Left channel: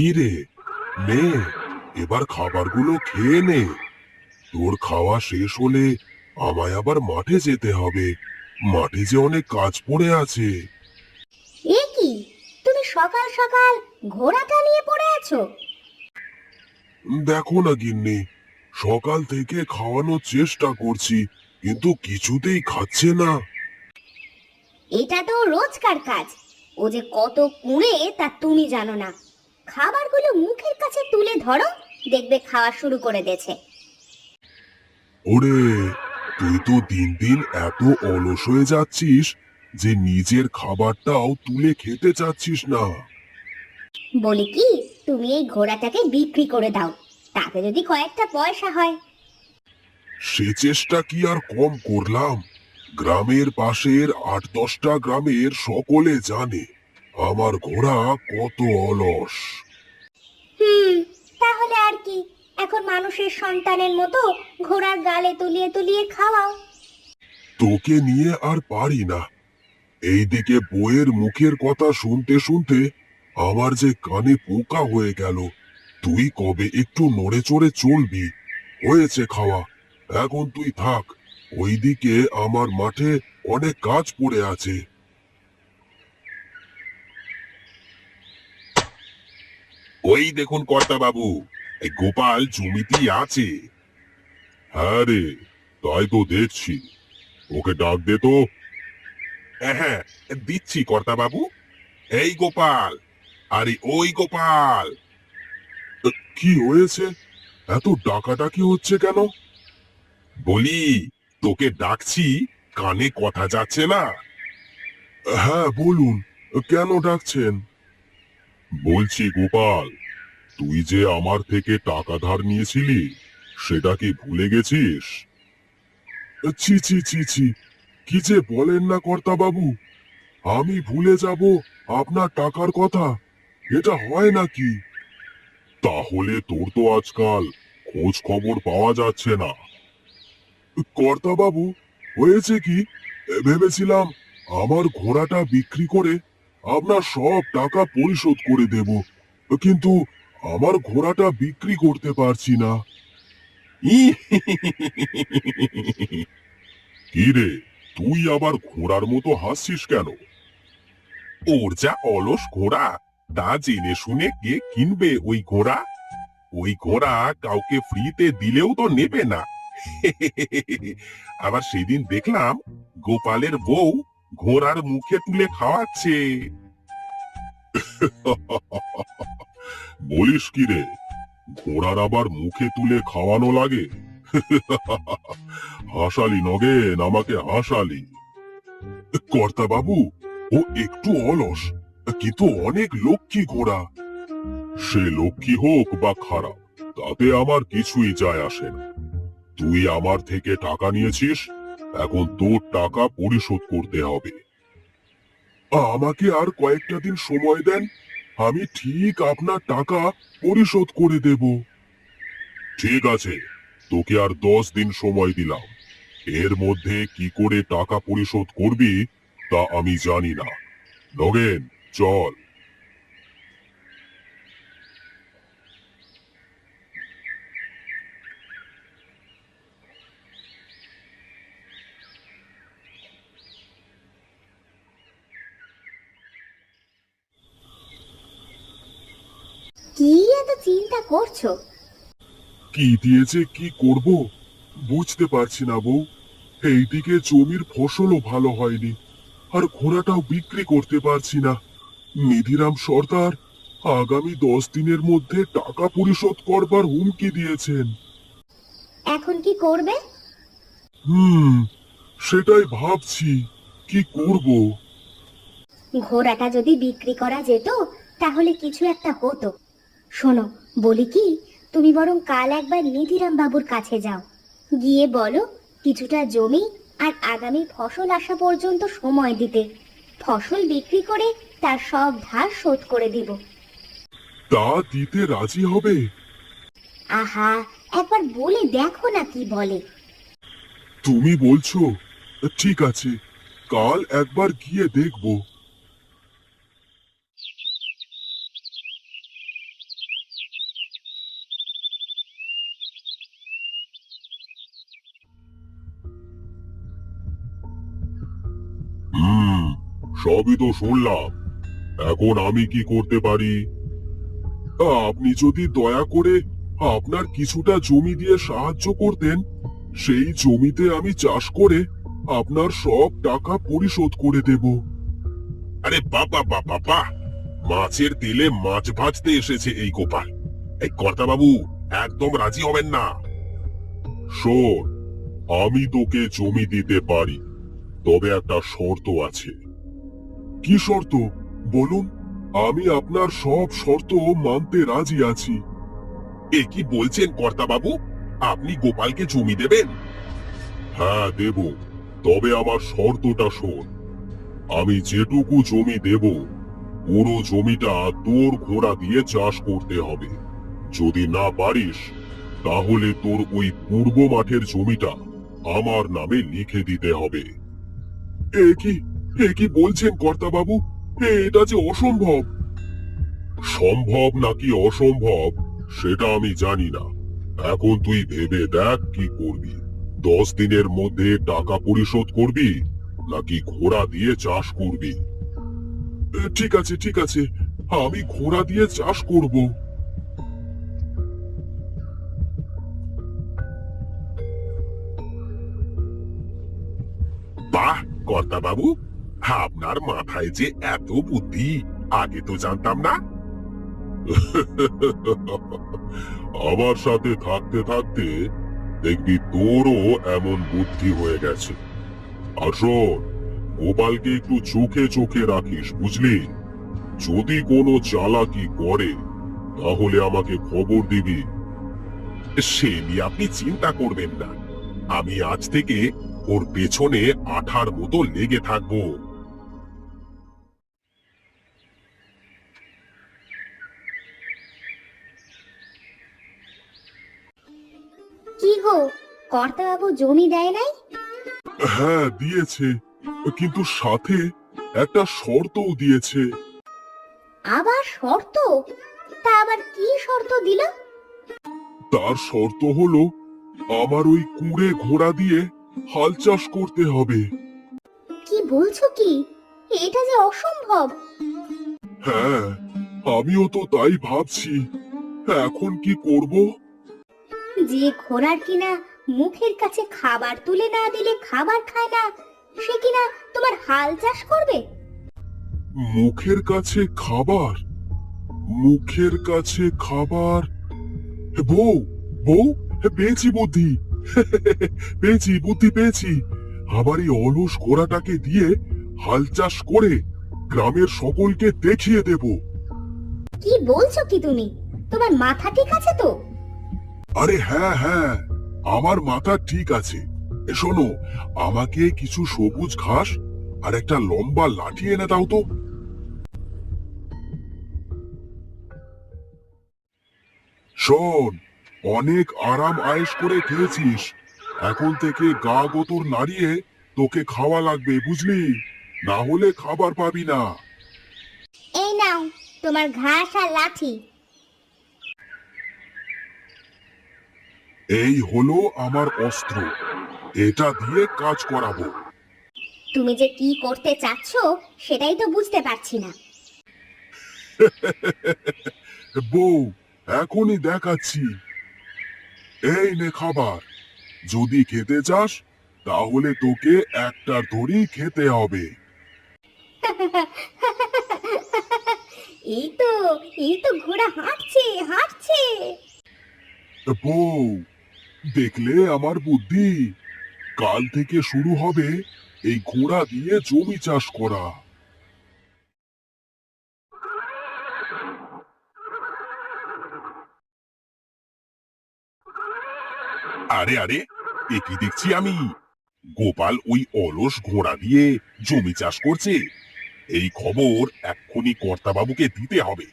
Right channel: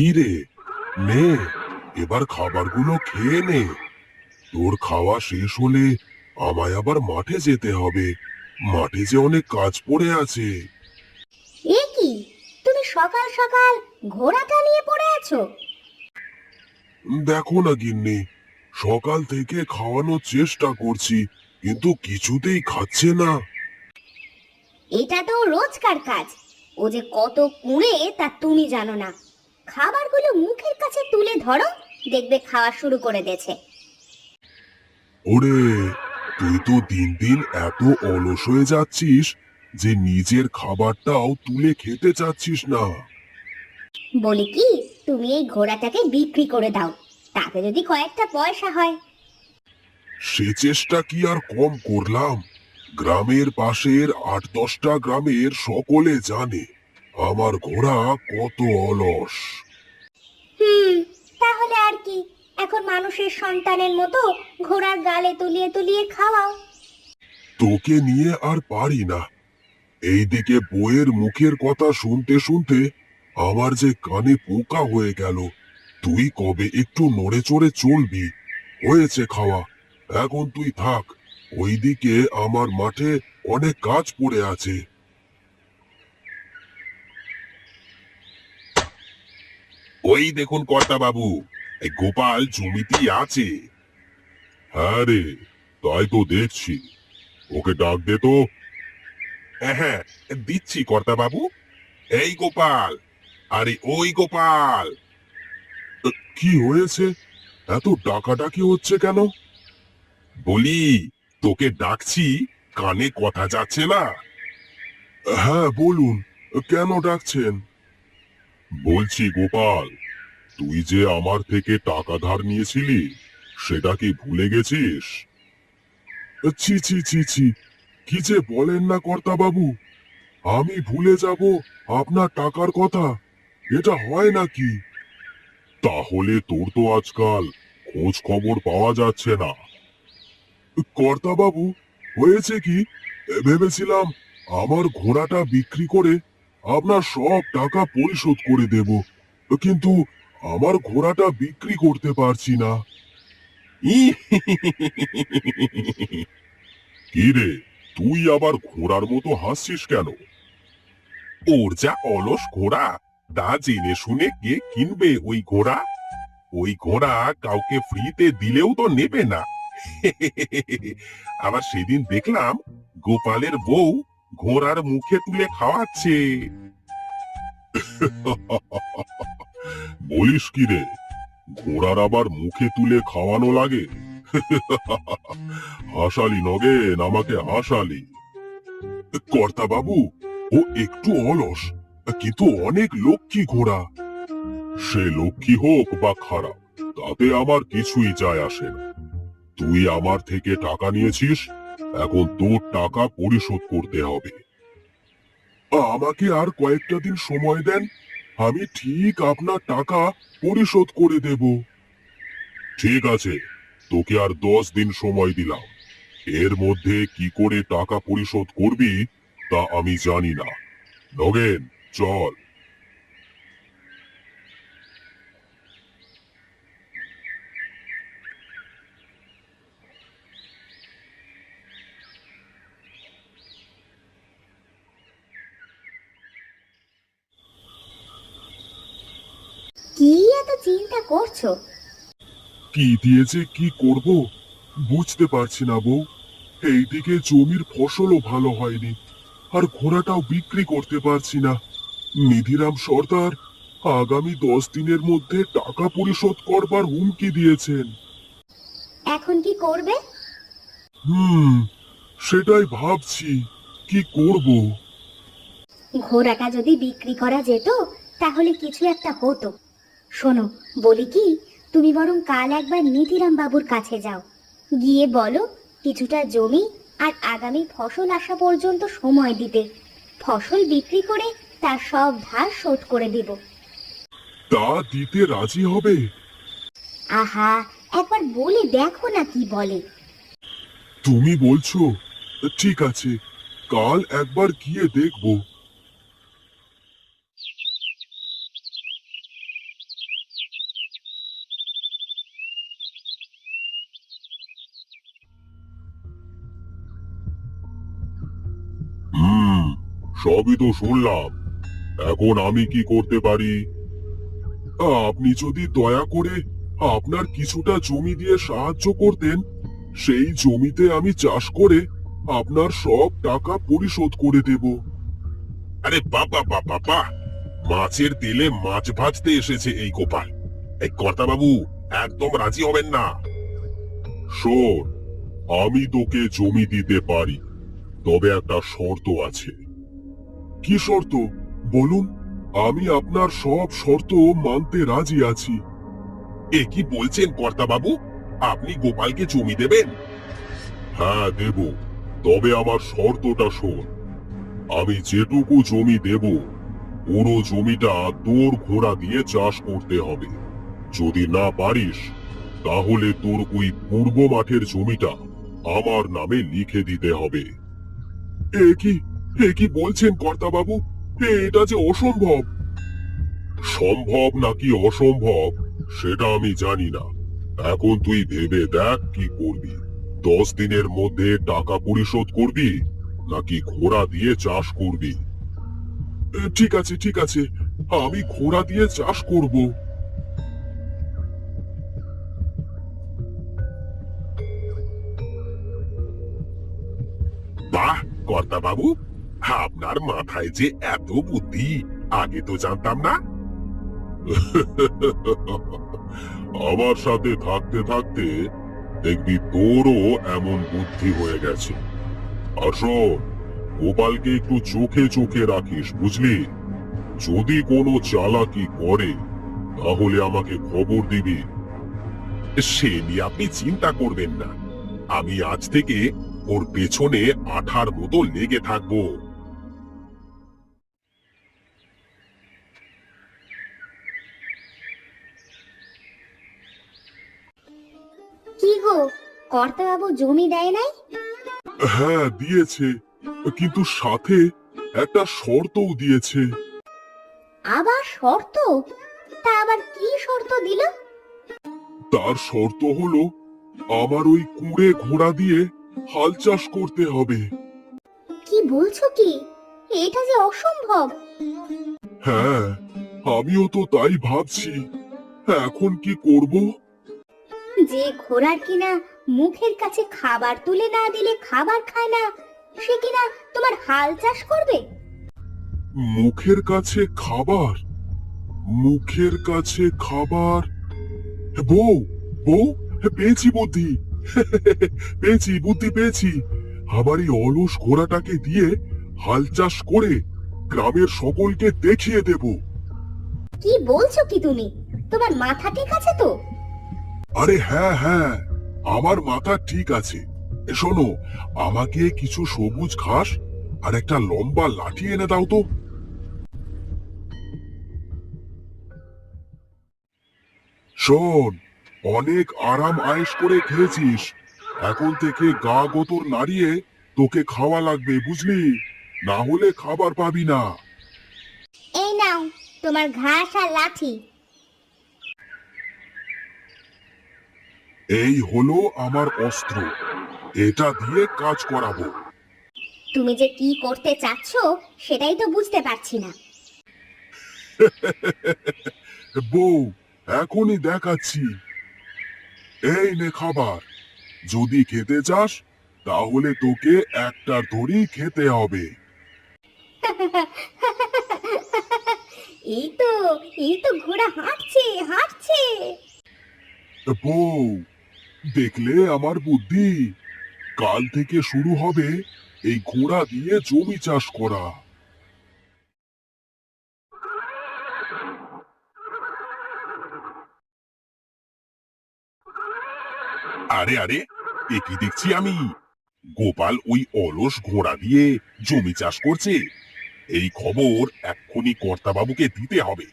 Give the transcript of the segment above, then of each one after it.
কি রে, নে, এবার খাবারগুলো খেয়ে নে। তোর খাওয়া শেষ হলে আমায় আবার মাঠে যেতে হবে। মাঠে যে অনেক কাজ পড়ে আছে। এ কি, তুমি সকাল সকাল ঘোড়াটা নিয়ে পড়ে আছো? দেখো না গিন্নি, সকাল থেকে খাওয়ানোর চেষ্টা করছি, কিন্তু কিছুতেই খাচ্ছে না। এটা তো রোজকার কাজ। ও যে কত কুঁড়ে তা তুমি জানো না। খাবারগুলো মুখের কাছে তুলে ধরো, দেখবে খাওয়া শুরু করে দিয়েছে। ওরে, তুই তো দিন দিন এত অলস হয়ে যাচ্ছিস যে নিজের খাবারটাও তুলে খেতে চাচ্ছিস না। বলি কি, তুমি এই ঘোড়াটাকে বিক্রি করে দাও, তাতে যদি কয়েকটা পয়সা হয়। সে চেষ্টা কি আর কম করলাম? গ্রামের পাশের ৮-১০টা গ্রামের সকলে জানে আমার ঘোড়া কত অলস। হুম, তাহলে আর কি, এখন মানুষের সন্তানের মতো ঘোড়ার গালে তুলিয়ে তুলিয়ে খাওয়াও। তোকে নিয়ে আর পারি না। এইদিকে বউয়ের মুখের কথা শুনতে শুনতে আমার যে কানে পোকা হয়ে গেল। তুই কবে একটু নড়ে চড়ে চলবি? হয়েছে খাওয়া, এখন তুই থাক। ওইদিকে আমার মাঠে অনেক কাজ পড়ে আছে। ওই দেখুন কর্তা বাবু, এই গোপাল জমিতেই আছে। হ্যাঁ রে, তাই তো দেখছি। ওকে ডাক দে তো। হ্যাঁ, দিচ্ছি কর্তা বাবু। এই গোপাল, আরে ওই গোপাল। কি হয়েছে? এত ডাকাডাকি হচ্ছে কেন? বলি, তোকে ডাকছি, কানে কথা যাচ্ছে না? হ্যাঁ বলুন, কেন ডাকছেন? বলছি গোপাল, তুই যে আমার থেকে টাকা ধার নিয়েছিলি, সেটা কি ভুলে গেছিস? ছি ছি ছি ছি, কি যে বলেন না কর্তা বাবু, আমি ভুলে যাব আপনার টাকার কথা? এটা হয় নাকি? তাহলে তোর তো আজকাল খোঁজ খবর পাওয়া যাচ্ছে না। কর্তা বাবু, হয়েছে কি, ভেবেছিলাম আমার ঘোড়াটা বিক্রি করে আপনার সব টাকা পরিশোধ করে দেব, কিন্তু আমার ঘোড়াটা বিক্রি করতে পারছি না। কি রে, তুই আবার ঘোড়ার মতো হাসছিস কেন? ওর যা অলস ঘোড়া, তা জেনে শুনে কে কিনবে ওই ঘোড়া? ওই ঘোড়া কাউকে ফ্রিতে দিলেও তো নেবে না। আবার সেদিন দেখলাম গোপালের বউ ঘোড়ার মুখে তুলে খাওয়াচ্ছে। বলিস কি রে, ঘোড়ার আবার মুখে তুলে খাওয়ানো লাগে? হাসালি নগেন, আমাকে হাসালি। কর্তা বাবু, ও একটু অলস, কিন্তু অনেক লক্ষ্মী ঘোড়া। সে লক্ষ্মী হোক বা খারাপ, তাতে আমার কিছুই যায় আসে না। তুই আমার থেকে টাকা নিয়েছিস, এখন তোর টাকা পরিশোধ করতে হবে। আমাকে আর কয়েকটা দিন সময় দেন, আমি ঠিক আপনার টাকা পরিশোধ করে দেব। ঠিক আছে, তোকে আর 10 দিন সময় দিলাম। এর মধ্যে কি করে টাকা পরিশোধ করবি তা আমি জানি না। নগেন, চল। কি এত চিন্তা করছো? কি দিয়ে যে কি করব বুঝতে পারছি না বউ। এইদিকে জমির ফসলও ভালো হয়নি, আর ঘোড়াটাও বিক্রি করতে পারছি না। নিধিরাম সর্দার আগামী 10 দিনের মধ্যে টাকা পরিশোধ করবার হুমকি দিয়েছেন। এখন কি করবে? হুম, সেটাই ভাবছি, কি করব। ঘোড়াটা যদি বিক্রি করা যেত, তাহলে কিছু একটা হতো। শোনো, বলি কি, তুমি বরং কাল একবার নিধিরাম বাবুর কাছে যাও, গিয়ে বলো কিছুটা জমি আর আগামী ফসল আসা পর্যন্ত সময় দিতে। ফসল বিক্রি করে তার সব ধার শোধ করে দিব। তা দিতে রাজি হবে? আহা, একবার বলে দেখো না কি বলে। তুমি বলছো? ঠিক আছে, কাল একবার গিয়ে দেখব। সবই তো শুনলাম, এখন আমি কি করতে পারি? আপনি যদি দয়া করে আপনার কিছুটা জমি দিয়ে সাহায্য করতেন, সেই জমিতে আমি চাষ করে আপনার সব টাকা পরিশোধ করে দেব। আরে বাবা বাবা বাবা, মাছের তেলে মাছ ভাজতে এসেছে এই গোপাল। এই কর্তা বাবু একদম রাজি হবেন না। শোন, আমি তোকে জমি দিতে পারি, তবে একটা শর্ত আছে। কি শর্ত বলুন? আমি আপনার সব শর্ত মানতে রাজি আছি। এ কি বলছেন কর্তা বাবু, আপনি গোপালকে জমি দেবেন? হ্যাঁ দেব, তবে আমার শর্তটা শোন। আমি যেটুকু জমি দেব, পুরো জমিটা তোর ঘোড়া দিয়ে চাষ করতে হবে। যদি না পারিস, তাহলে তোর ওই পূর্ব মাঠের জমিটা আমার নামে লিখে দিতে হবে। এ কি বলছেন কর্তা বাবু? এটা যে অসম্ভব। সম্ভব নাকি অসম্ভব সেটা আমি জানি না। এখন তুই ভেবে দেখ কি করবি। 10 দিনের মধ্যে টাকা পরিশোধ করবি, নাকি ঘোড়া দিয়ে চাষ করবি? ঠিক আছে ঠিক আছে, আমি ঘোড়া দিয়ে চাষ করব। বাহ কর্তা বাবু, আপনার মাথায় যে এত বুদ্ধি, আগে তো জানতাম না। আমার সাথে থাকতে থাকতে দেখবি তোরও এমন বুদ্ধি হয়ে গেছে। আর শোন, গোপালকে একটু চোখে চোখে রাখিস, বুঝলি? যদি কোনো চালাকি করে, তাহলে আমাকে খবর দিবি। সে নিয়ে আপনি চিন্তা করবেন না, আমি আজ থেকে ওর পেছনে আঠার মতো লেগে থাকবো। কি গো, কর্তা বাবু জমি দেয় নাই? হ্যাঁ দিয়েছে, কিন্তু সাথে একটা শর্তও দিয়েছে। আবার শর্ত? তা আবার কি শর্ত দিল? তার শর্ত হলো আমার ওই কুঁড়ে ঘোড়া দিয়ে হাল চাষ করতে হবে। কি বলছো কি? এটা যে অসম্ভব। হ্যাঁ, আমিও তো তাই ভাবছি। এখন কি করব? যে ঘোড়ার কিনা মুখের কাছে খাবার তুলে না দিলে খাবার খায় না, সে কিনা তোমার হাল চাষ করবে? মুখের কাছে খাবার? মুখের কাছে খাবার? বউ, বউ, পেয়েছি বুদ্ধি। পেয়েছি, বুদ্ধি পেয়েছি। আমার এই অলস ঘোড়াটাকে দিয়ে হাল চাষ করে গ্রামের সকলকে দেখিয়ে দেব। কি বলছো কি তুমি? তোমার মাথা ঠিক আছে তো? আরে হ্যাঁ হ্যাঁ, আমার মাথা ঠিক আছে। শোনো, আমাকে কিছু সবুজ ঘাস আর একটা লম্বা লাঠি এনে দাও তো। শোন, অনেক আরাম আয়েশ করে খেয়েছিস, এখন থেকে গা গোতর নাড়িয়ে তোকে খাওয়া লাগবে, বুঝলি? না হলে খাবার পাবি না। এই নাও তোমার ঘাস আর লাঠি। এই হলো আমার অস্ত্র, এটা দিয়ে কাজ করাবো। তুমি যে কি করতে চাচ্ছ সেটাই তো বুঝতে পারছি না। বউ, এখনই দেখাচ্ছি। এই নে খাবার, যদি খেতে চাস তাহলে তোকে একটার ধরেই খেতে হবে। এই তো, এই তো ঘোড়া হাঁটছে হাঁটছে। বউ, দেখলে আমার বুদ্ধি? কাল থেকে শুরু হবে এই ঘোড়া দিয়ে জমি চাষ করা। আরে আরে, এ কি দেখছি আমি? গোপাল ওই অলস ঘোড়া দিয়ে জমি চাষ করছে। এই খবর এক্ষুনি কর্তাবাবুকে দিতে হবে।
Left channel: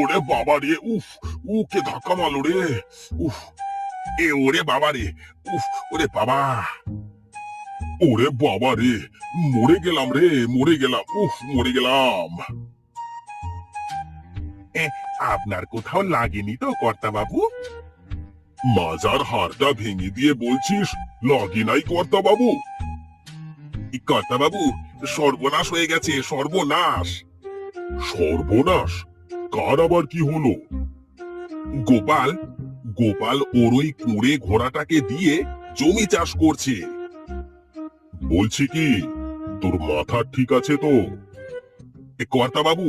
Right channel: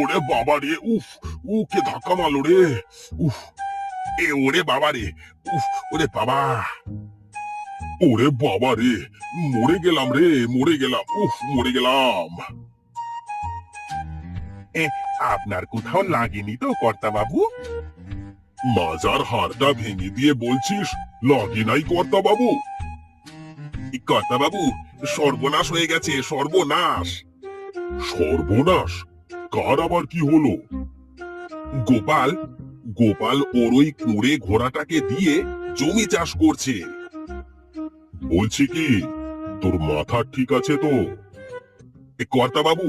ওরে বাবা রে, উফ! কে ধাক্কা মারলো রে! উফ! ওরে বাবা রে! উফ! ওরে বাবা! ওরে বাবা রে! মরে গেলাম রে, মরে গেলাম! উফ! মরে গেলাম! আপনার কোথাও লাগেনি তো কর্তা বাবু? মাজার হাড়টা ভেঙে দিয়ে বলছিস লাগি নাই কর্তা বাবু? কর্তা বাবু, সর্বনাশ হয়ে গেছে, সর্বনাশ। সর্বনাশ? কার আবার কি হলো? গোপাল গোপাল ওর ওই কুঁড়ে ঘোড়াটাকে দিয়ে জমি চাষ করছে। বলছি কি, তোর মাথা ঠিক আছে তো? কর্তা বাবু,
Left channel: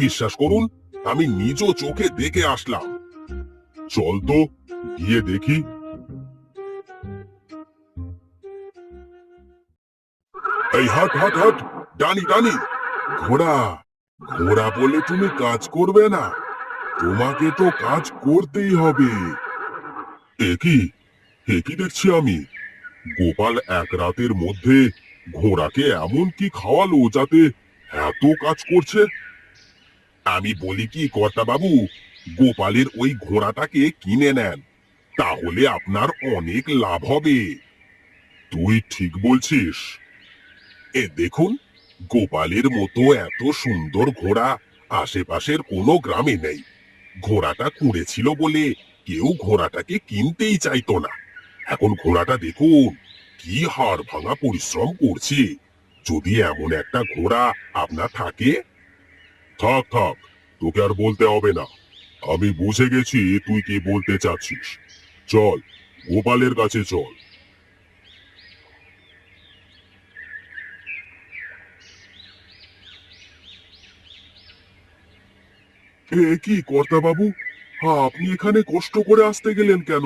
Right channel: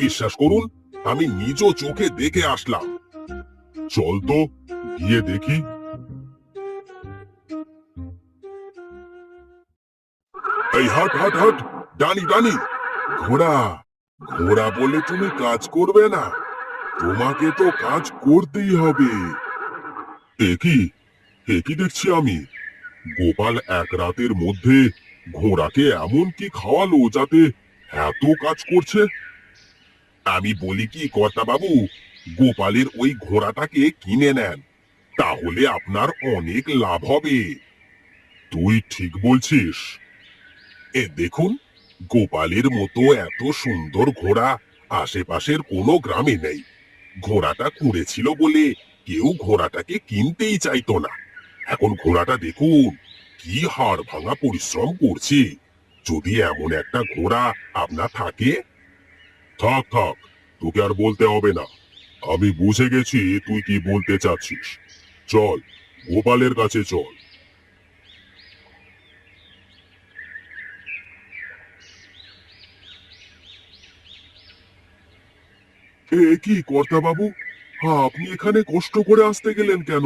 বিশ্বাস করুন, আমি নিজ চোখে দেখে আসলাম। চল তো গিয়ে দেখি। এই হাট হাট হাট, ডানি ডানি। ঘোড়া ঘোড়া বলে তুমি কাজ করবে না? তোমাকে তো কাজ করতেই হবে। একই একই দেখছি আমি, গোপাল এক রাতের মধ্যে ঘোড়াকে এমন কি খাওয়ালো যাতে এত কাজ করছে? আমি বলি কি কর্তা বাবু, গোপালের ওই ঘোড়াটাকে কিনে নেন, তাহলে আপনার অনেক লাভ হবে। তুই ঠিক বলছিস। দেখুন, গোপালের মতো এত সুন্দর ঘোড়া আশেপাশের কোনো গ্রামে নেই। ঘোড়াটা কুঁড়েছিল বলে কেউ ঘোড়াটাকে কিনতেই চাইতো না। এখন ঘোড়াটা দেখুন কি হাড় ভাঙা পরিশ্রম করছে। যদি এমন একটা ঘোড়া আপনার থাকে। থাক থাক, তোকে আর বলতে হবে না, আমি বুঝে গেছি তুই কি বলতে চাচ্ছিস। চল, গোপালের কাছে চল। কি কর্তা বাবু, আপনি এখানে কষ্ট করে আসতে গেলেন কেন?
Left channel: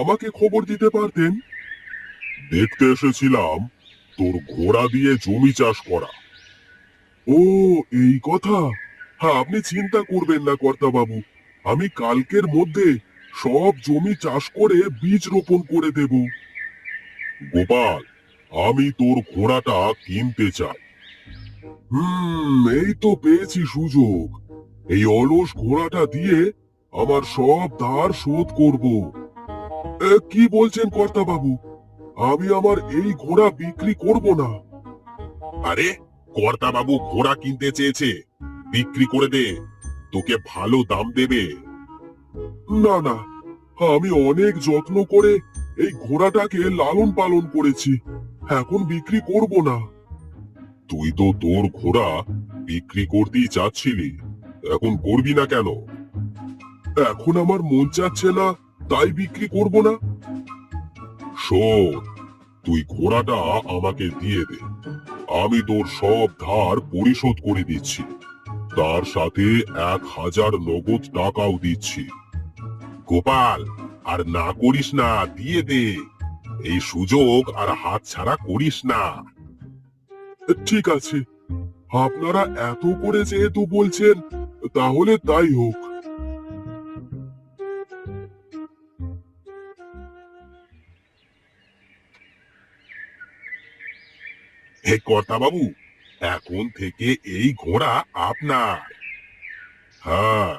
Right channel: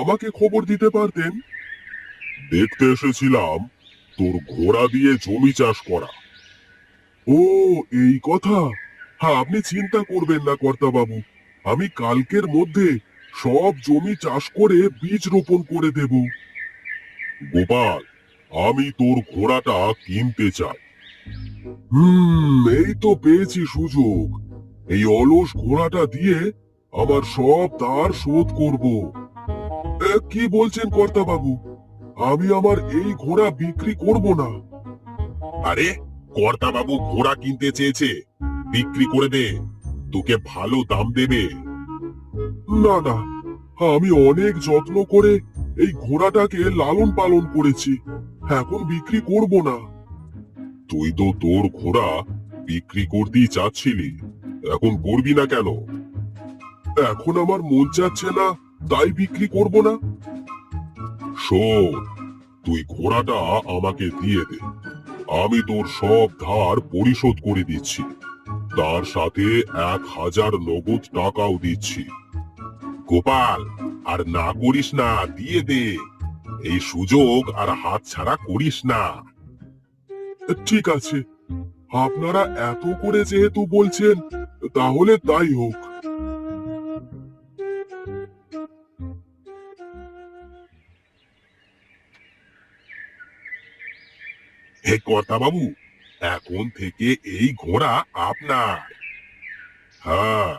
আমাকে খবর দিতে পারতেন। দেখতে এসেছিলাম তোর ঘোড়া দিয়ে জমি চাষ করা। ও, এই কথা। আপনি চিন্তা করবেন না কর্তা বাবু, আমি কালকের মধ্যে সব জমি চাষ করে বীজ রোপণ করে দেব। গোপাল, আমি তোর ঘোড়াটা কিনতে চাই। এই তো পেয়েছি সুযোগ। এই অলস ঘোড়াটা দিয়ে আমার সব ধার শোধ করব। কি বলছেন কর্তা বাবু? আমি আমার এই ঘোড়া বিক্রি করব না। আরে, কর্তা বাবু ঘোড়া কিনতে চেয়েছে, বিক্রি করে দে, তোকে ভালো দাম দেবে। না না, আমি অনেক যত্ন করে এই ঘোড়াটাকে লালন পালন করেছি, এখন বিক্রি করব না। তুই তো তোর ঘোড়া বিক্রি করতেই চাচ্ছিলি, এখন করবি না কেন? এখন আমার মন চাচ্ছে না, তাই বিক্রি করব না। শোন, তুই ঘোড়াটা আমাকে দিয়ে দে, আমি তোর সব ধার পরিশোধ করে দিচ্ছি, তার সাথে 1000 নগদ টাকাও দিচ্ছি। গোপাল, আর না করিস না, দিয়ে দে, এই সুযোগ আর হাতছাড়া করিস না। ঠিক আছে, আপনারা এত করে যেহেতু বলছেন, তাহলে তাই হোক। হে কর্তা বাবু, এখন থেকে এই ঘোড়া আপনার। হ্যাঁ,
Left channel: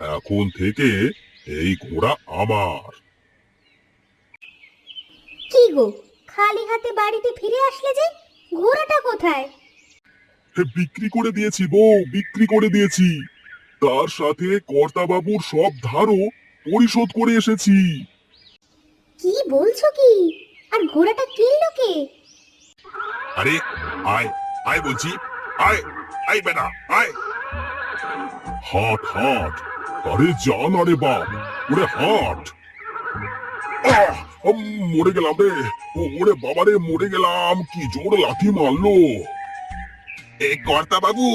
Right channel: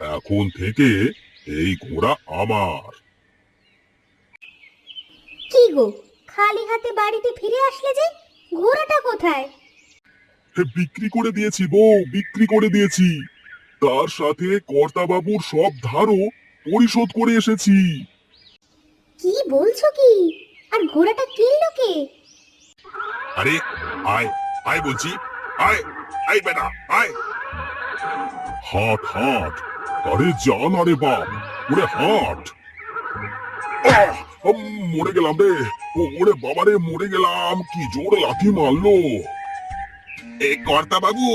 এখন থেকে এই ঘোড়া আমার। কি গো, খালি হাতে বাড়িতে ফিরে আসলে যে? ঘোড়াটা কোথায়? বিক্রি করে দিয়েছি বউ, বিক্রি করে দিয়েছি, তার সাথে কর্তা বাবুর সব ধারও পরিশোধ করে এসেছি। কি বলছো কি? আর ঘোড়াটা কিনলো কে? আরে, আয় আয় বলছি, আয় আয় বেটা, আয়। হাট হাট, আরে জান, আরে বাপ, ওরে হাট। আহ, মরে গেলাম রে, ওরে বাবা রে, মরে গেলাম, কি জোর লাথি মারলো। এই কর্তা বাবু,